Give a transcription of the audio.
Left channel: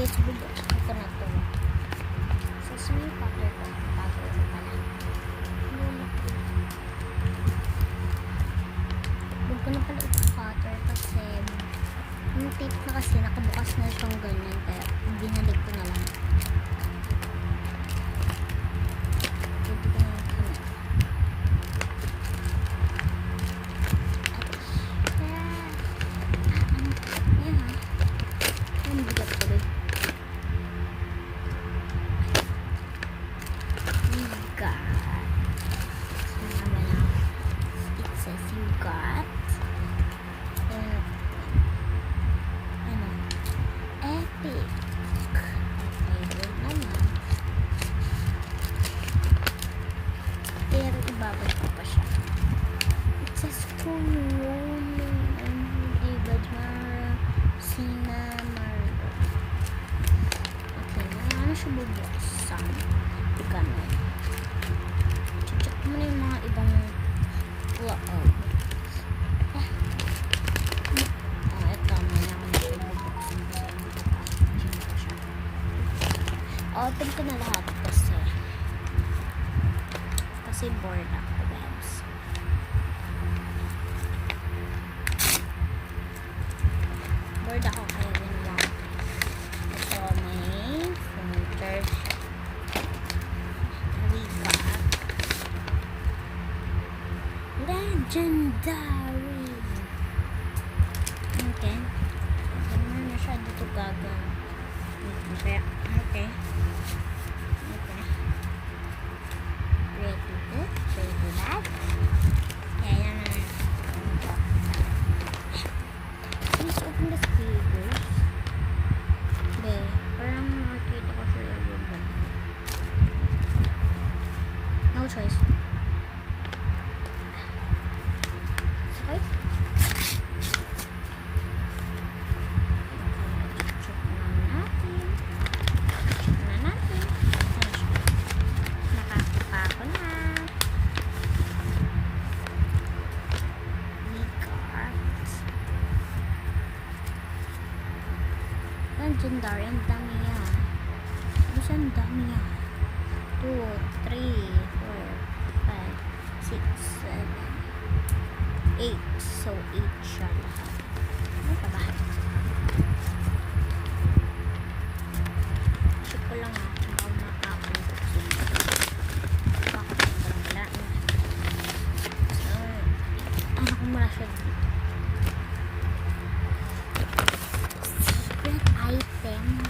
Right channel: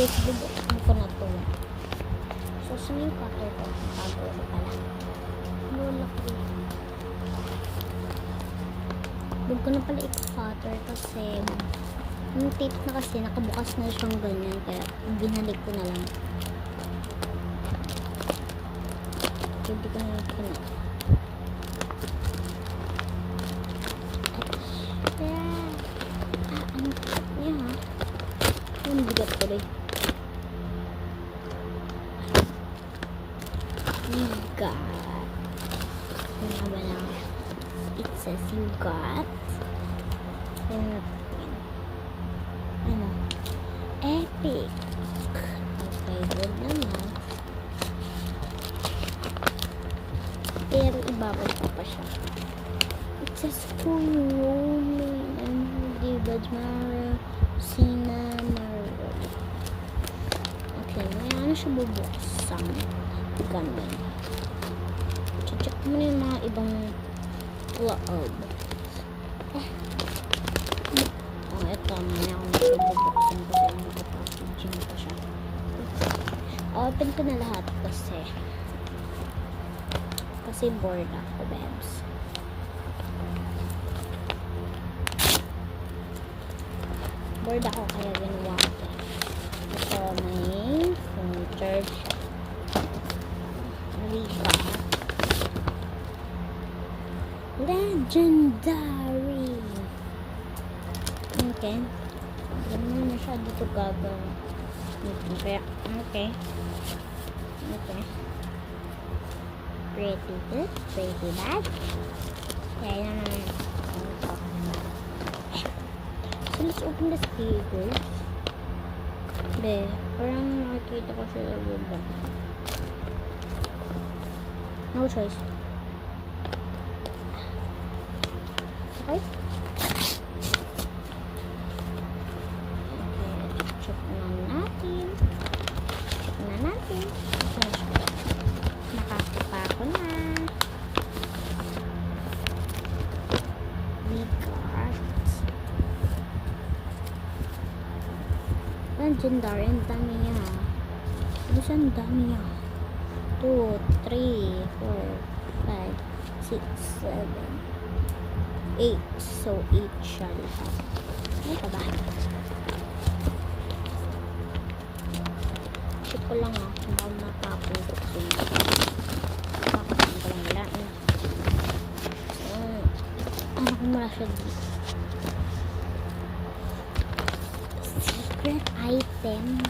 Guys, bubuksan ko na to. So, sino yung cutter ko? Tago ko pala. Lulak din. Huwag ko na pala ito-cutter kasi yung tape na kasi nakabukas na siyang ganyan kaya binalik ko na lang. Hindi ko na ito na. Ang bigat ko rin. Got. Ano ba na? It says you got. Ano? Epic. Okay, good naman. Pero ibabad pa siya. It says full rolling and David Mara Sinamaro. Okay, ano siya bubuksan? Ganun. Check mo na yung mga ibang loob. Ito. Maya ako na siya bubuksan kasi nakapackaging pa siya. Open ko na lahat kasi bored ako, babs. Bored ako kaya ginawa ko. Ito may furniture siya. We got legendary. Okay. Hindi naman masyado ito gagawin. Okay. Okay. Okay. Pretty good. Pretty bad. Kaya naman. So let's open the stickers. Hindi. Parang makikita ko siya yung no choice. Okay. Check na natin. Nakakapa ko na. We got legendary. Ang dami niya. Ang dami niya. 2, 3, 4, 5, 6, 7, 8. So, 8 siya lahat. Ano ka ba? Check ko lang baka matapon ko sila. Bakit ang gala na? Ano ko mula siya dito? Secret item.